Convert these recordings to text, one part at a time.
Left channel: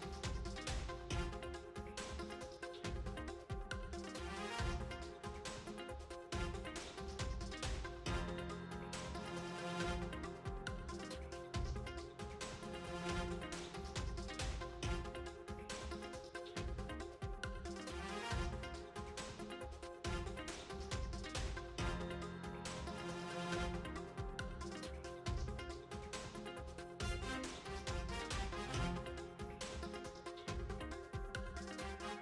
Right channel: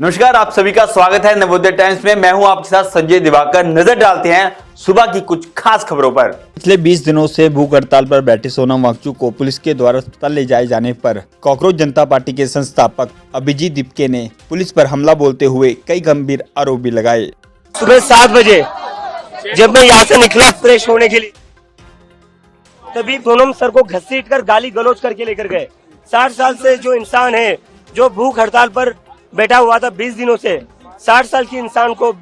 नमस्कार, आप सभी का स्वागत है नवोदय टाइम्स में। मैं हूं आपके साथ संजय दिवाकर। नजर डालते हैं सुबह की कुछ खास खबरों पर। पिछले 20 दिनों से भूख हड़ताल पर बैठे सोनम वांगचुक को पुलिस के द्वारा अस्पताल ले जाए जाने पर कॉकरोच जनता पार्टी के संस्थापक अभिजीत दीपके ने पुलिस पर हमला बोलते हुए कई गंभीर आरोप भी लगाए। सुबह 7 बजे जब मैं यहाँ से निकला फ्रेश होने के लिए, तभी सोनम सर को घसीट कर गाली गलौज करके लेकर गए। 60 साल से जो इंसान है, जो भूख हड़ताल पर बैठा हुआ था 20 दिनों से, 60 साल के इंसान को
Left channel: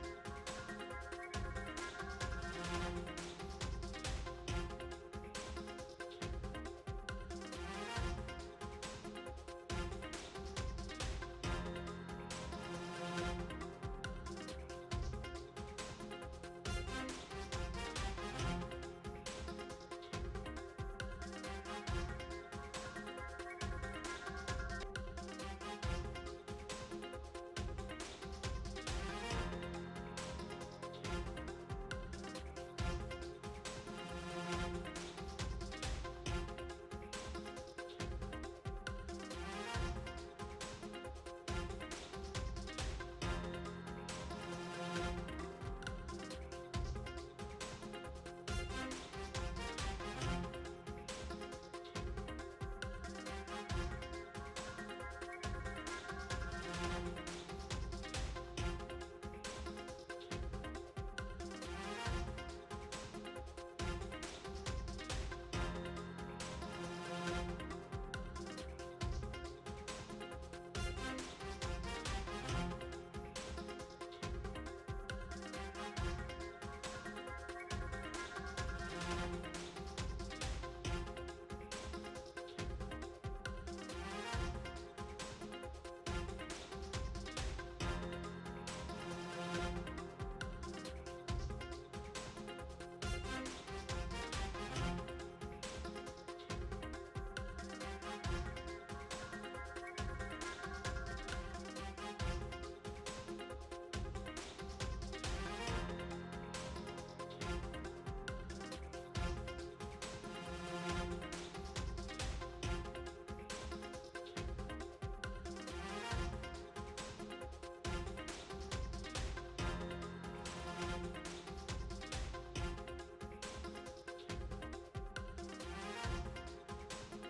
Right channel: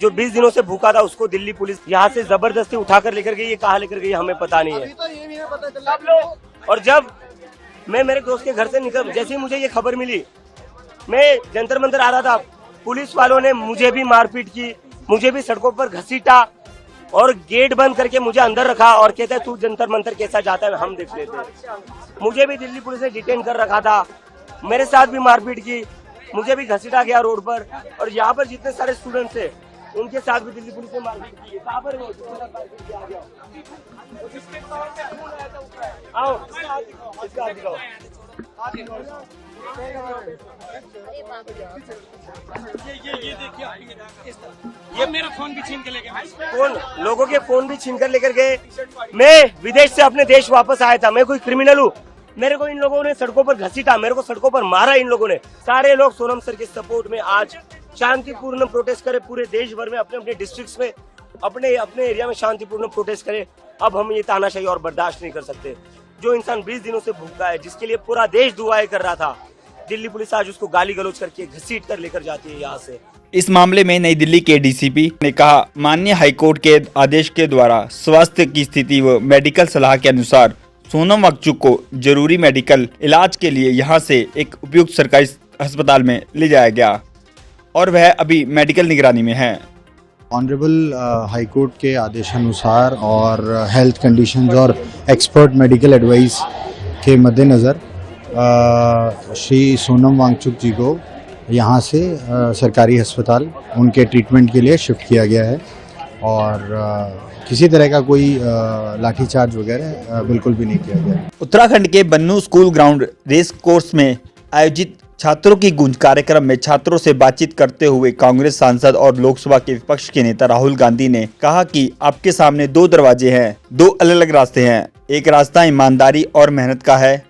जो 20 दिनों से भूखा था, उसको दिल्ली पुलिस यहाँ से जबरदस्ती उठाकर लेकर गई। ये कहाँ लेकर गई हमें पता नहीं है। और जब मैं मेरे दोस्त के घर से निकल, जैसे ही मुझे ये खबर मिली, मैं जंतर मंतर आ रहा था, पुलिस वालों ने मुझे भी मारपीट की, मुझे भी सड़कों पर घसीटा और गेट बंद करके मुझे अंदर रखा और कहता है तू जंतर मंतर कैसा जाता है हम देख लेते हैं। मुझे भी दिल्ली पुलिस ने डिटेन कर रखा था, मेरे साथ भी मारपीट की, मुझे भी घसीटा गया रोड पर। और यहाँ पर जितने सारे स्टूडेंट्स थे उनके साथ भी दिल्ली पुलिस ने मारपीट की। कहाँ पर आओ, ये मेरा फोन भी छीन के ले गए। फोन, लोगों के फोन भी छीन कर लेकर गए। मैं विदेश से अपने देश वापस आया था, मैं कोई क्रिमिनल हूँ? मेरे को इन लोगों ने सड़कों पर घसीटा, मेरे को सड़कों पर मारा इन लोगों ने। सारे लोग सोनम सर के सपोर्ट में आज शांतिपूर्ण प्रोटेस्ट करें, पूरे देश भर में अपने अपने डिस्ट्रिक्ट्स में, अपने अपने एरिया में शांतिपूर्ण प्रोटेस्ट करें। अब हम ये तानाशाही और बर्दाश्त नहीं कर सकते। जो इंसान 20 दिनों से भूखा है, जिसके लिए पूरा देश दुआएं कर रहा था, दिल्ली पुलिस आज उसको गाली गलौज करके घसीट कर लेकर जाती है यहाँ से। इस मामले में नई दिल्ली के डीसीपी ने कहा, माननीय हाईकोर्ट के आदेश के द्वारा स्वास्थ्य की स्थिति व मेडिकल सलाह के अनुसार सोनम वांगचुक को जरूरी मेडिकल इलाज के लिए यहां से एक उपयुक्त सरकारी अस्पताल में ले जाया गया और वह अभी मेडिकल निगरानी में है। ऑनरेबल हाईकोर्ट के आदेशानुसार और हेल्थ कंडीशंस और एक्सपर्ट मेडिकल एडवाइस के मद्देनज़र श्री सोनम वांगचुक जी को यहाँ से सरकारी अस्पताल उनके ट्रीटमेंट के लिए शिफ्ट किया गया है और किसी तरह का कोई लाठीचार्ज वगैरह बिल्कुल भी नहीं किया गया। उत्तराखंड के बन्नू स्कूल ग्राउंड रेस कोर्स में आयोजित छात्रों की गूंज कार्यक्रम में छात्रों से बातचीत करते हुए कांग्रेस सांसद और लोकसभा के विपक्ष के नेता राहुल गांधी ने कहा कि आपके सामने 2 दरवाजे हैं, 2 अलग अलग रास्ते हैं। एक रास्ता ईमानदारी और मेहनत का है,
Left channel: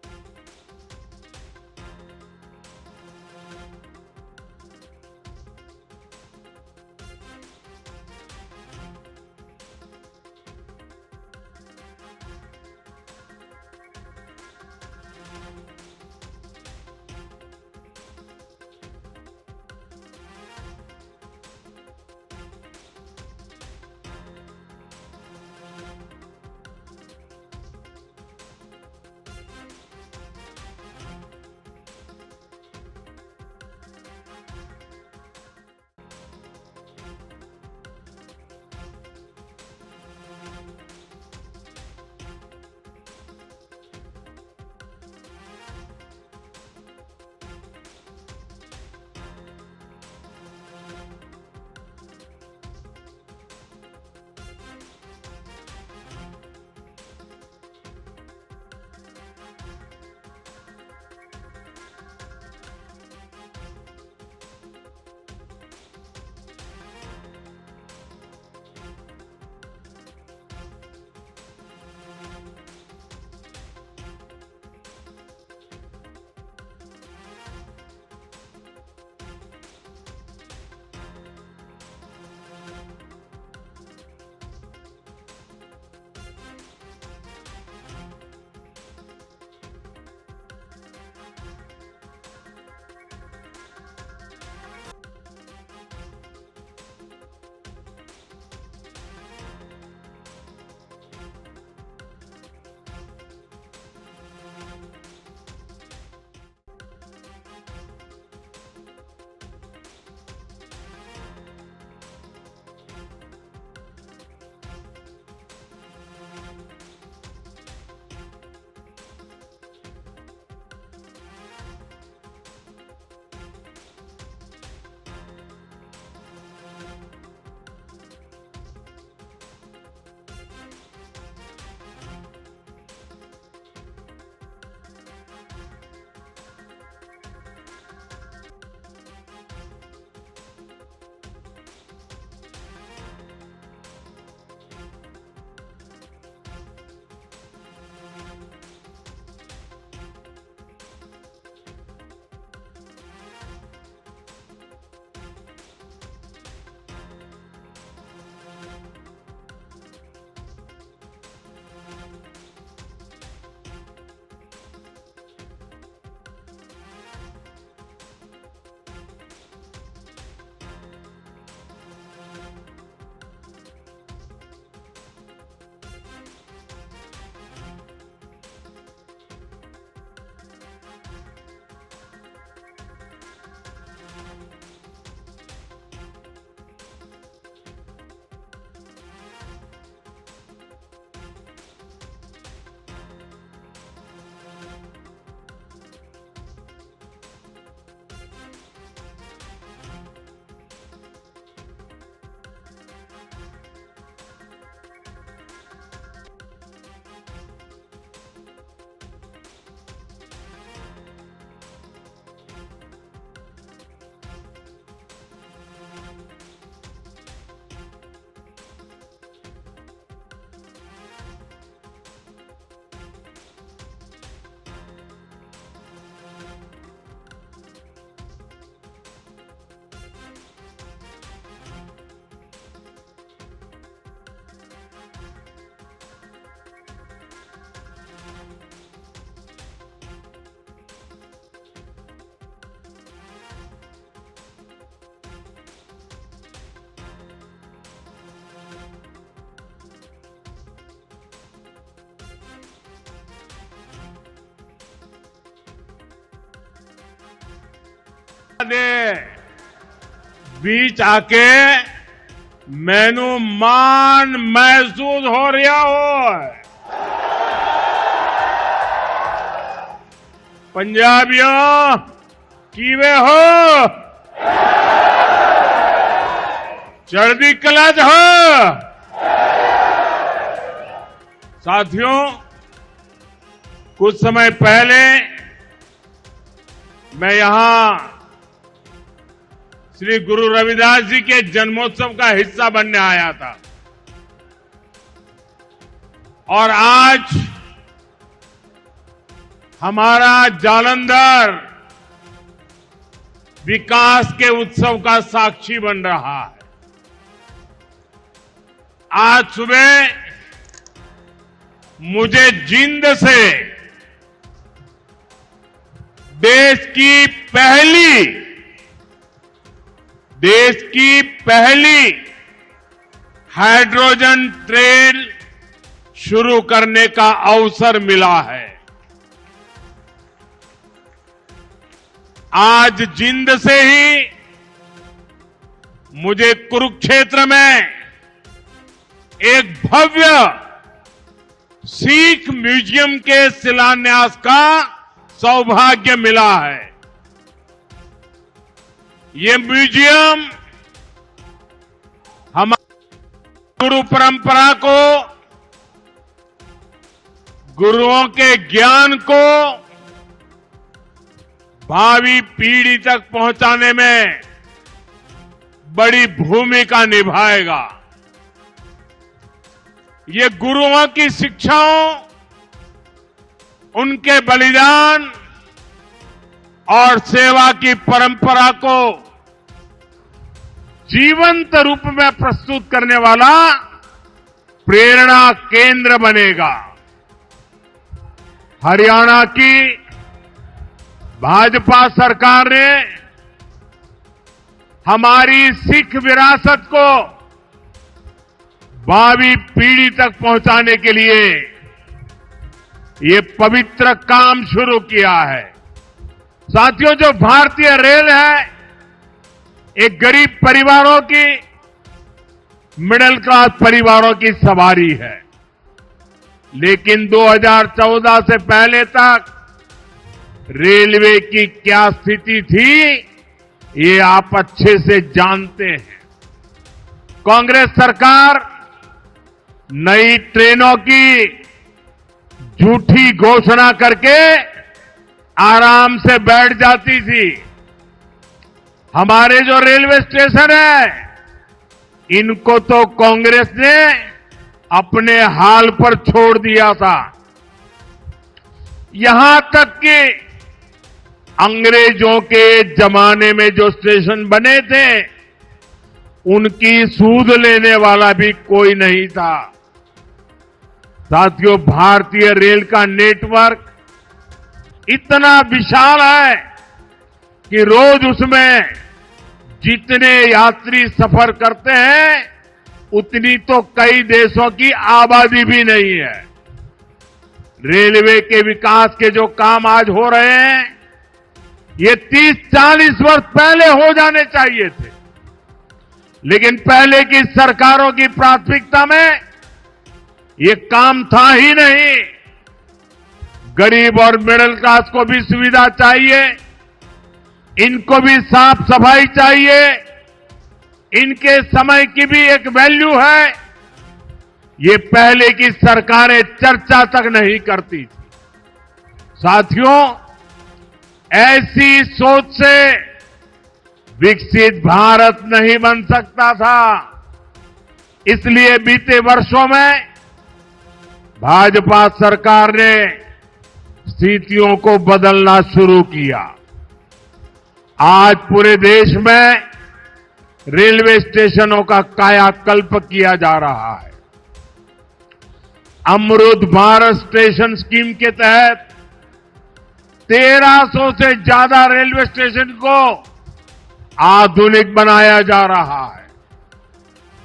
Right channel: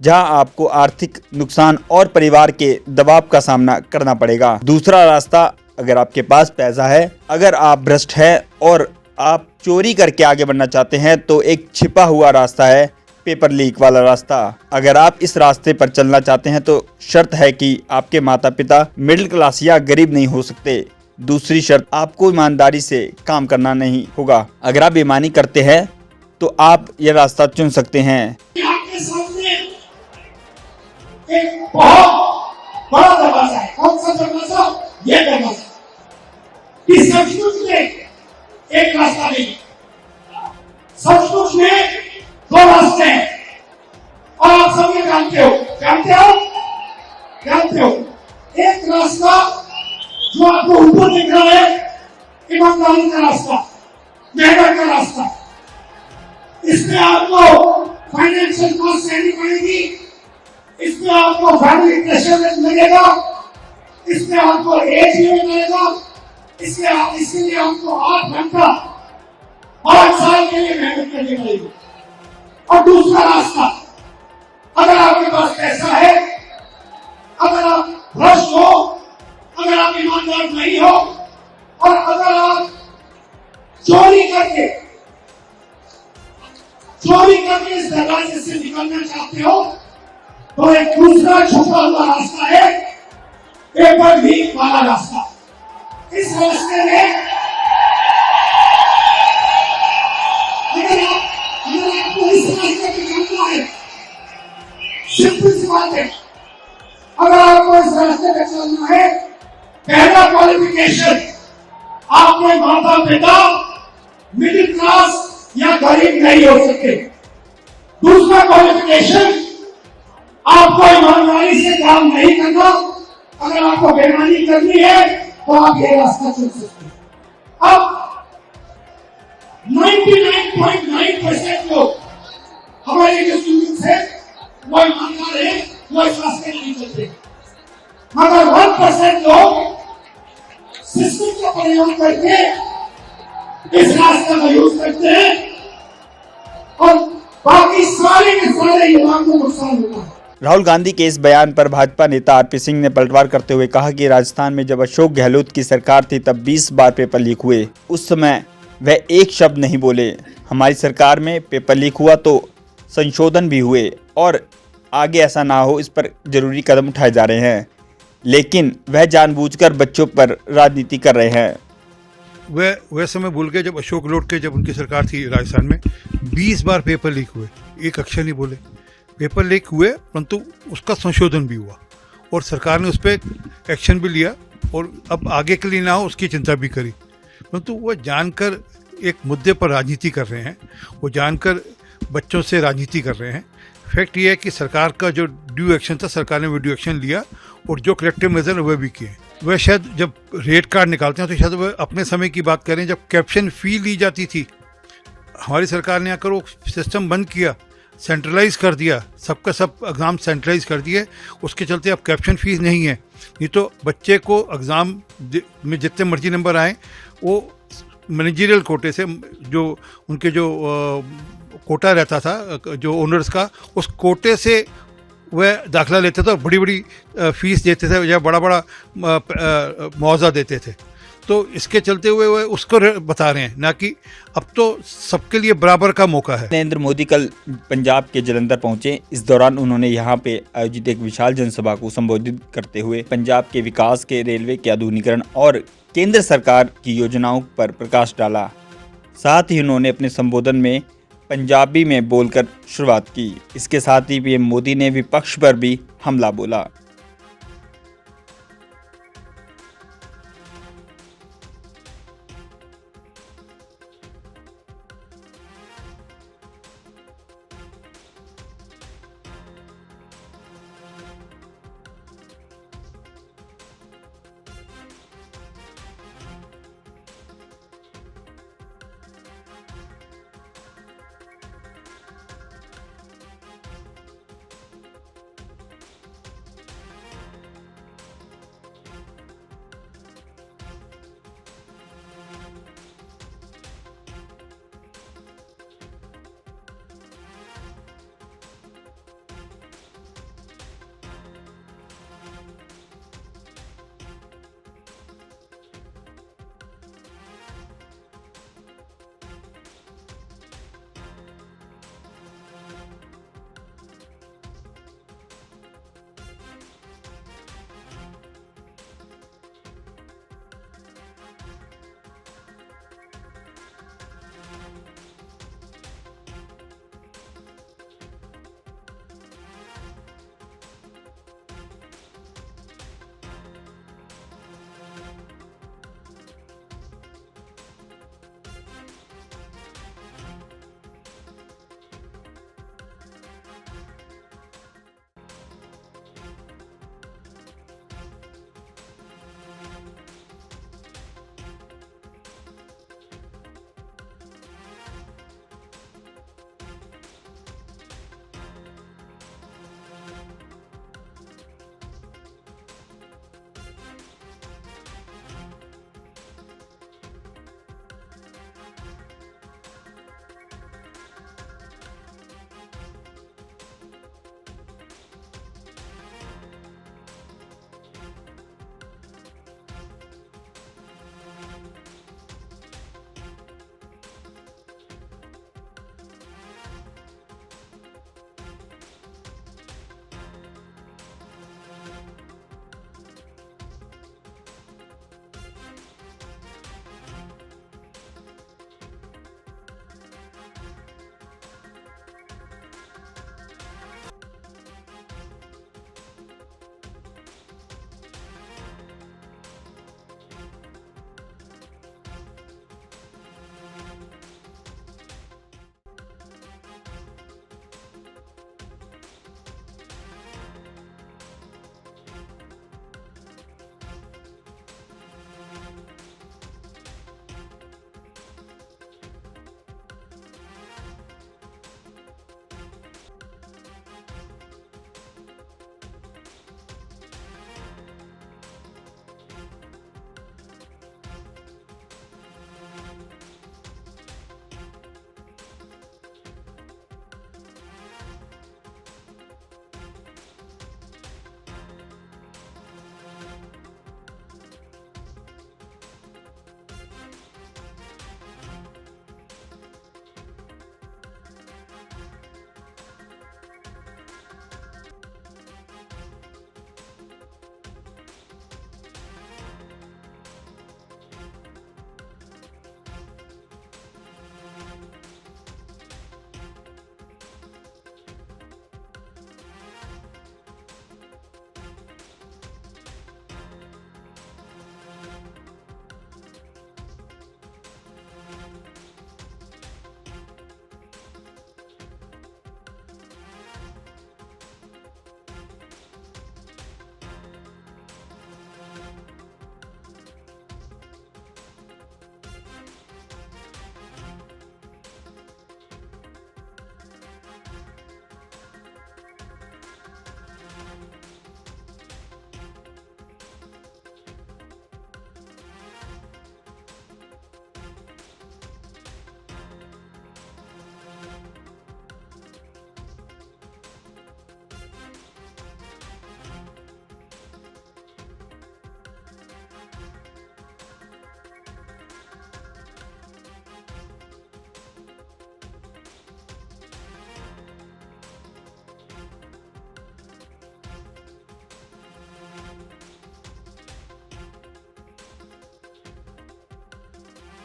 जहां आपको आर्थिक नुकसान और परिवार के दबाव का सामना करना पड़ेगा। दूसरा रास्ता, अगर आपके पास पैसा है, अगर आप भ्रष्ट है और आप चोरी करके आगे बढ़ना चाहते हैं, तो एक छिपा हुआ रास्ता है, पेपर लीक वाला रास्ता। अगर आप इस रास्ते पर चलना चाहते हैं तो शर्त है कि आपके माता पिता मिडिल क्लास या गरीब नहीं हो सकते। दूसरी शर्त, आपको ईमानदारी से काम करना नहीं होगा। अगर आप बेईमानी करते हैं तो आप ये रास्ता चुन सकते हैं। आपके सामने एक बहुत बड़ा दरवाजा है। कौन सा दरवाजा? ये दरवाजा। इस सचमुच में एक रास्ता नहीं, सचमुच में 2 रास्ते हैं और आप सब ये जानते हो। एक रास्ता जो आपको ऊपर दिख रहा है, ईमानदारी का रास्ता, मेहनत का रास्ता। इसमें आपको फाइनेंशियल कॉस्ट सहनी पड़ेगी, इसमें आपको फैमिली प्रेशर लगेगा, इसमें आपको एज लिमिट लगेगा, इसके लिए आपको 8 घंटा 5 साल के लिए मेहनत करनी पड़ेगी। और दूसरा रास्ता, अगर आपके पास पैसा है, अगर आप भ्रष्ट हो, अगर आप ईमानदार नहीं हो और अगर आप चोरी करके इस दरवाजे से निकलना चाहते हो, तो एक दूसरा छुपा हुआ रास्ता है, पेपर लीक वाला रास्ता। इस रास्ते में अगर आपको इस रास्ते पे चलना है, सिंपल सी बात है, अगर आपको इस रास्ते पे चलना है, पहला क्वालिफिकेशन, आपके माता पिता मिडिल क्लास या गरीब नहीं हो सकते। दूसरा क्वालिफिकेशन, आपको ईमानदारी से काम नहीं करना। अगर आपको बेईमानी करनी है तो आप ये रास्ता चुन सकते हैं। अब 99.9% लोग हमारे जो स्टूडेंट्स हैं वो ईमानदार है, वो इस रास्ते नहीं चलते। मगर 1% लोग सिस्टम का प्रयोग करके इस रास्ते का यूज करते हैं और बाकी सारे के सारे युवाओं को नुकसान होता है। राहुल गांधी के इस बयान पर भाजपा नेता आरपी सिंह ने पलटवार करते हुए कहा कि राजस्थान में जब अशोक गहलोत की सरकार थी तब 20 बार पेपर लीक हुए, उस समय वह एक शब्द नहीं बोले। हमारी सरकार में पेपर लीक हुआ तो संशोधन भी हुए और आगे ऐसा ना हो इस पर जरूरी कदम उठाए जा रहे हैं, लेकिन वह जानबूझकर बच्चों पर राजनीति कर रहे हैं। वह समय भूल गए जब अशोक गहलोत के जब उनकी सरकार थी राजस्थान में 20 बार पेपर लीक हुए, एक अक्षर नहीं बोले। पेपर लीक हुए परंतु उसका संशोधन भी हुआ और सरकार ने उस पर एक्शन भी लिया और अब आगे के लिए ना हो उसकी चिंता भी करी, परंतु वह जानकर एक मुद्दे पर राजनीति कर रहे हैं, वो जानकर बच्चों से राजनीति कर रहे हैं। फैक्ट ये है कि सरकार का जो ड्यू एक्शन था सरकार ने वो ड्यू एक्शन लिया और जो कलेक्टिव मेजर वह भी किए। वह शायद जब रेट कार्ड निकालते हैं तो शायद वह अपने समय की बात करें जब कैप्शन फ़ी ली जाती थी। हमारी सरकार ने आकर वो सिस्टम बंद किया, सेंट्रलाइज कर दिया, सबका सब एग्ज़ाम सेंट्रलाइज कर दिए। उसके चलते अब कैप्शन फीस नहीं है, नहीं तो बच्चे को एग्ज़ाम में जितने मर्जी नंबर आए वो मैनेजरियल कोटे से जो उनके जो कोटा रहता था जो ओनर्स का, उस कोटे से वह दाखिला लेते थे और बड़ी बड़ी फीस देते थे या बड़ा बड़ा मुआवजा देते थे। तो इसके चलते हुए वह उसको बता रहे हैं, ना कि अब तो सबके लिए बराबर का मौका है। नरेंद्र मोदी कल पंजाब के जलंधर पहुंचे। इस दौरान उन्होंने यहां पे आयोजित एक विशाल जनसभा को संबोधित करते हुए पंजाब के विकास के, रेलवे के आधुनिकीकरण और केंद्र सरकार की योजनाओं पर प्रकाश डाला। साथ ही उन्होंने अपने संबोधन में पंजाबी में बोलकर शुरुआत की। इसके साथ ही पीएम मोदी ने विपक्ष पर भी हमला बोला। बीच आके मैनू मान महसूस हो रहा हो। पंजाबियों कीवे हो, चढ़दी कला च हो। साथियों, कुछ समय पहले मैं यहां श्री गुरु रविदास जी के जन्मोत्सव का हिस्सा बनने आया था और आज हमारा जालंधर विकास के उत्सव का साक्षी बन रहा है। आज सुबह मुझे जिंद से देश की पहली हाइड्रोजन ट्रेन शुरू करने का अवसर मिला है। आज जिंद से ही मुझे कुरुक्षेत्र में एक भव्य सिख म्यूजियम के शिलान्यास का सौभाग्य मिला है। ये म्यूजियम हमारी गुरु परंपरा को, गुरुओं के ज्ञान को भावी पीढ़ी तक पहुंचाने में बड़ी भूमिका निभाएगा। ये गुरुओं की शिक्षाओं, उनके बलिदान और सेवा की परंपरा को जीवंत रूप में प्रस्तुत करने वाला प्रेरणा केंद्र बनेगा। हरियाणा की भाजपा सरकार ने हमारी सिख विरासत को भावी पीढ़ी तक पहुंचाने के लिए ये पवित्र काम शुरू किया है। साथियों, जो भारतीय रेल है एक गरीब परिवारों की, मिडिल क्लास परिवारों की सवारी है, लेकिन 2014 से पहले तक रेलवे की क्या स्थिति थी ये आप अच्छे से जानते हैं। कांग्रेस सरकार नई ट्रेनों की झूठी घोषणा करके आराम से बैठ जाती थी हमारे जो रेलवे स्टेशन है, इनको तो कांग्रेस ने अपने हाल पर छोड़ दिया था। यहां तक कि अंग्रेजों के जमाने में जो स्टेशन बने थे, उनकी सूद लेने वाला भी कोई नहीं था। साथियों, भारतीय रेल का नेटवर्क इतना विशाल है कि रोज उसमें जितने यात्री सफर करते हैं, उतनी तो कई देशों की आबादी भी नहीं है। रेलवे के विकास के जो काम आज हो रहे हैं, ये 30-40 वर्ष पहले हो जाने चाहिए थे, लेकिन पहले की सरकारों की प्राथमिकता में ये काम था ही नहीं। गरीब और मिडिल क्लास को भी सुविधा चाहिए, इनको भी साफ सफाई चाहिए, इनके समय की भी एक वैल्यू है। ये पहले की सरकारें चर्चा तक नहीं करती थी। साथियों, ऐसी सोच से विकसित भारत नहीं बन सकता था। इसलिए बीते वर्षों में भाजपा सरकार ने स्थितियों को बदलना शुरू किया। आज पूरे देश में रेलवे स्टेशनों का कायाकल्प किया जा रहा है। अमृत भारत स्टेशन स्कीम के तहत 1300 से ज्यादा रेलवे स्टेशन को आधुनिक बनाया जा रहा है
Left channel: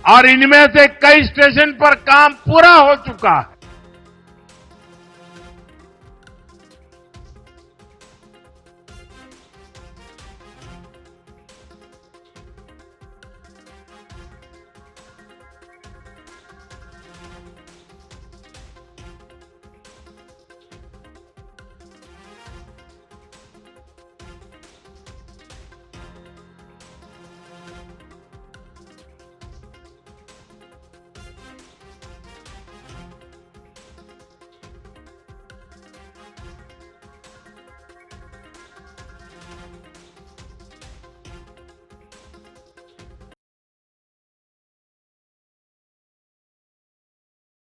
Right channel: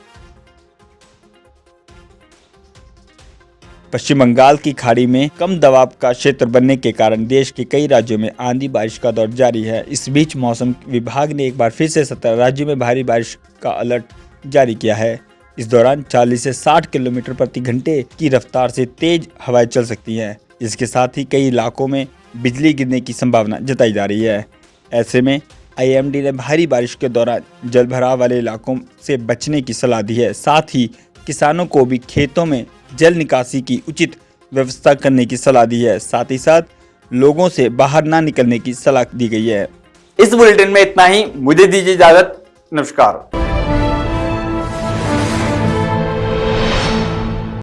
और इनमें से कई स्टेशन पर काम पूरा हो चुका है। पश्चिम बंगाल की खाड़ी में कम दबाव का क्षेत्र बनने के कारण देश के कई राज्यों में आंधी बारिश का दौर जारी है। इस बीच मौसम विभाग ने एक बार फिर से 17 राज्यों में भारी बारिश का अलर्ट जारी किया है। इस दौरान 40 से 60 किलोमीटर प्रति घंटे की रफ्तार से तेज हवाएं चल सकती हैं। इसके साथ ही कई इलाकों में बिजली गिरने की संभावना जताई जा रही है। ऐसे में IMD ने भारी बारिश के दौरान जलभराव वाले इलाकों से बचने की सलाह दी है। साथ ही किसानों को भी खेतों में जल निकासी की उचित व्यवस्था करने की सलाह दी है। साथ ही साथ लोगों से बाहर ना निकलने की सलाह दी गई है। इस बुलेटिन में इतना ही। मुझे दीजिए इजाजत। नमस्कार।